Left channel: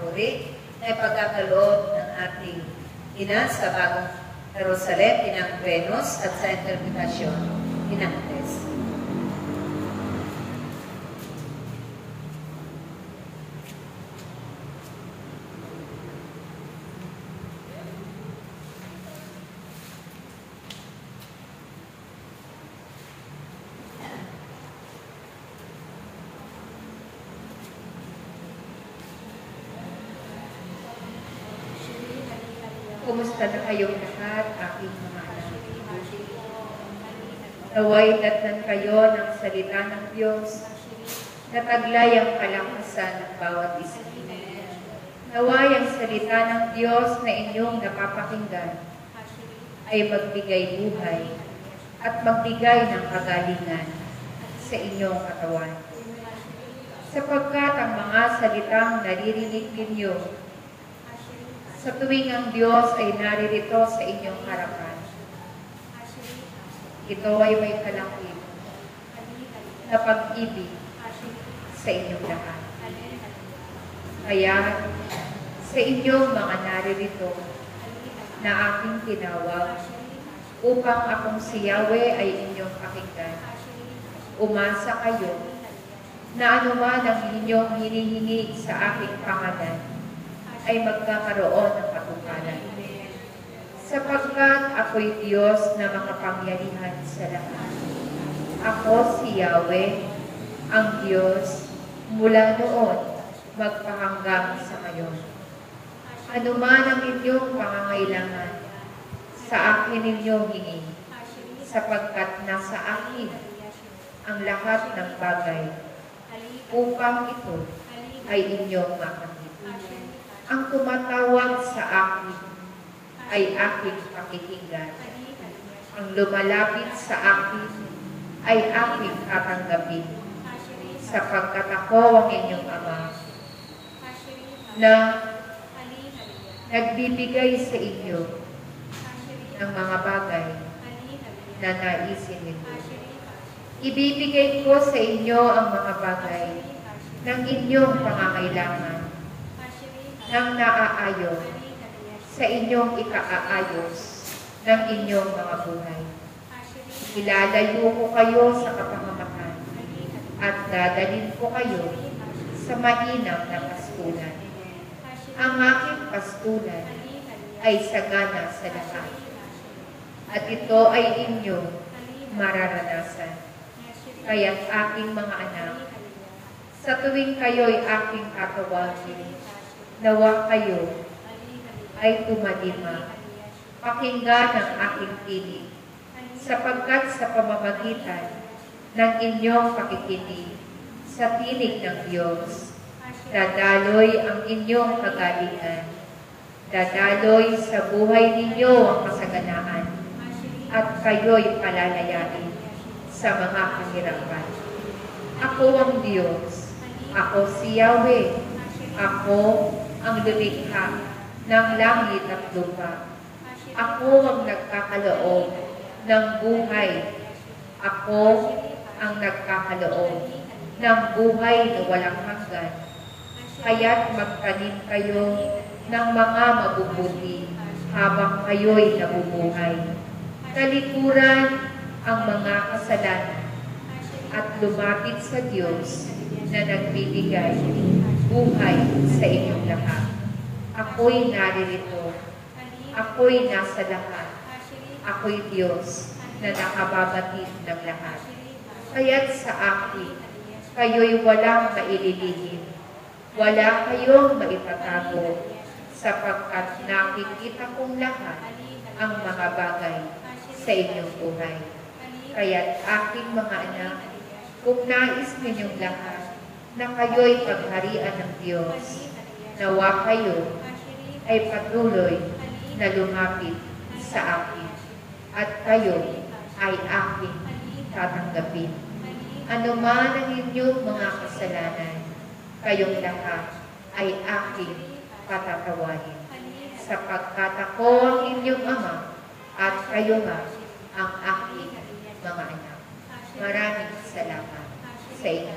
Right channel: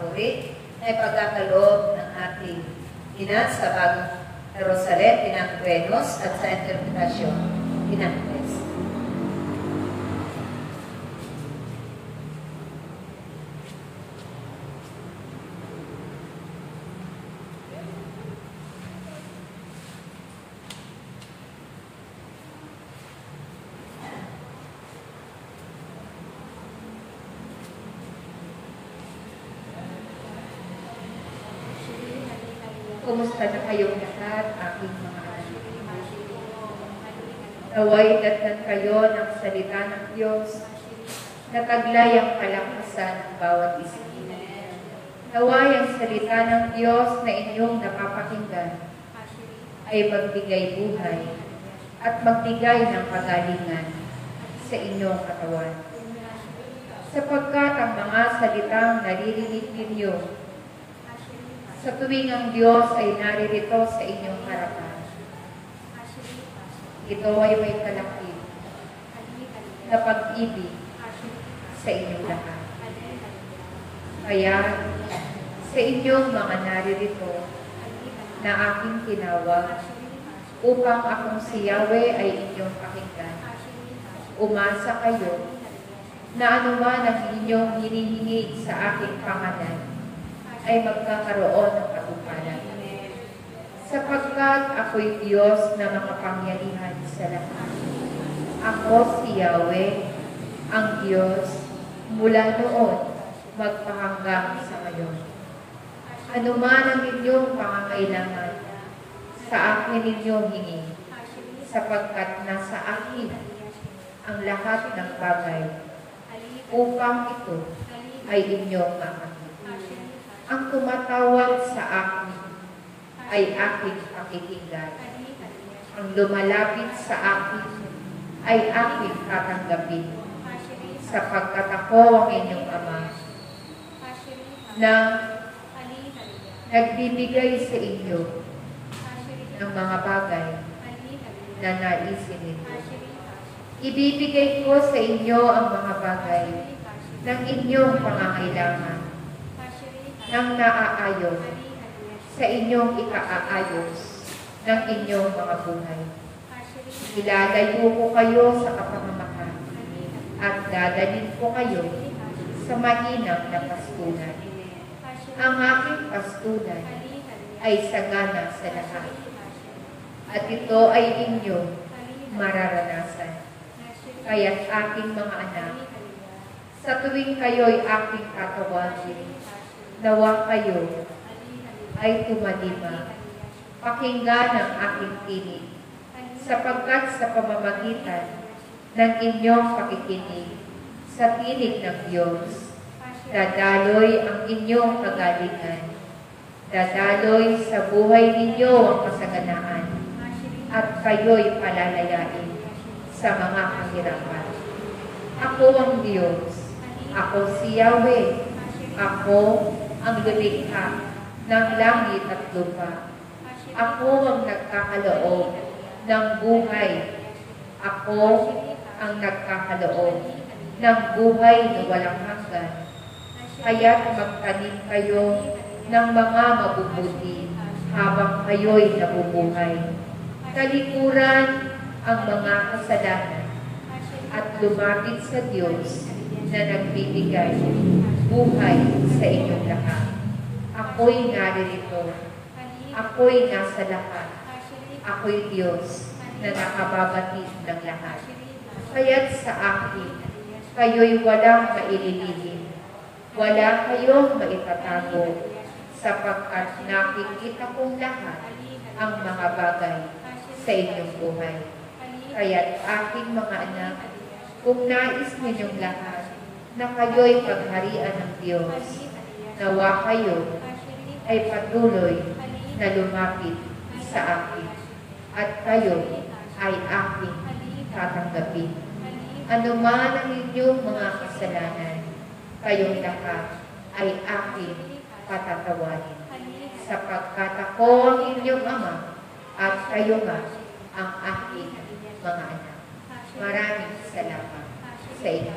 papuri na ipagkakaloob ng ating ina sa bagong Jerusalem, Inang Venus, at sa interpretasyon, Inang Tres. Kumusta kayong lahat, aking mga anak? Naway datnan kayo ng salita ng Diyos na taglay ang kalakasan ng bawat isa. Naway ang salita ng Diyos na inyong napapakinggan ay magbigay buhay at magbigay ng kagalingan sa inyong katawan. Sapagkat ang mga salitang naririnig ninyo sa tuwing ang Diyos ay naririto sa inyong harapan, ito ay may kalakip na pag-ibig sa inyong lahat. Kaya sa inyong mga naririto na aking tinawag upang akong si Yahweh ay inyong pakinggan, umasa kayo na anuman ang inyong hinihingi sa aking pangalan ay magkakaroon ng katuparan. Sapagkat ako'y Diyos na makapangyarihan sa lahat. Ako si Yahweh, ang Diyos, mula noon magpahanggang sa ngayon. Anuman ang inyong pangangailangan, sa akin ninyong hingi, sapagkat nasa akin ang lahat ng bagay, upang ito ay inyong makamit. Ang tumatawag sa akin ay aking pakikinggan. Ang lumalapit sa akin ay aking tatanggapin. Sapagkat ako ang inyong Ama na nagbibigay sa inyo ng mga bagay na naisin ninyo. Ibibigay ko sa inyo ang mga bagay ng inyong pangangailangan nang naaayon sa inyong ikaayos ng inyong mga buhay. Ilalayo ko kayo sa kapamamahan at dadalhin ko kayo sa mahinang na pastulan. Ang aking pastulan ay sagana sa lahat, at ito ay inyong mararanasan. Kaya't aking mga anak, sa tuwing kayo'y aking tatawagin, nawa kayo ay tumalima, pakinggan ang aking tinig, sapagkat sa pamamagitan ng inyong pakikinig sa tinig ng Diyos, dadaloy ang inyong kagalingan, dadaloy sa buhay ninyo ang kasaganaan, at kayo'y palalayain sa mga kahirapan. Ako ang Diyos, ako si Yahweh, ako ang lumikha ng langit at lupa. Ako ang nagkakaloob ng buhay. Ako ang nagkakaloob ng buhay na walang hanggan. Kaya't magtanim kayo ng mga mabubuti habang kayo'y nabubuhay. Talikuran ang mga kasalanan at lumapit sa Diyos na nagbibigay buhay sa inyong lahat. Ako'y naririto. Ako'y nasa lahat. Ako'y Diyos na nakababatid ng lahat. Kaya't sa akin, kayo'y walang maililihim. Wala kayong maitatago, sapagkat nakikita kong lahat ang mga bagay sa inyong buhay. Kaya't aking mga anak, kung nais ninyong lahat na kayo'y pagharian ng Diyos, nawa kayo ay patuloy na lumapit sa akin, at kayo ay aking tatanggapin. Ano man ang inyong mga kasalanan, kayong lahat ay aking patatawarin, sapagkat ako ang inyong Ama at kayo nga ang aking mga anak. Maraming salamat sa inyo.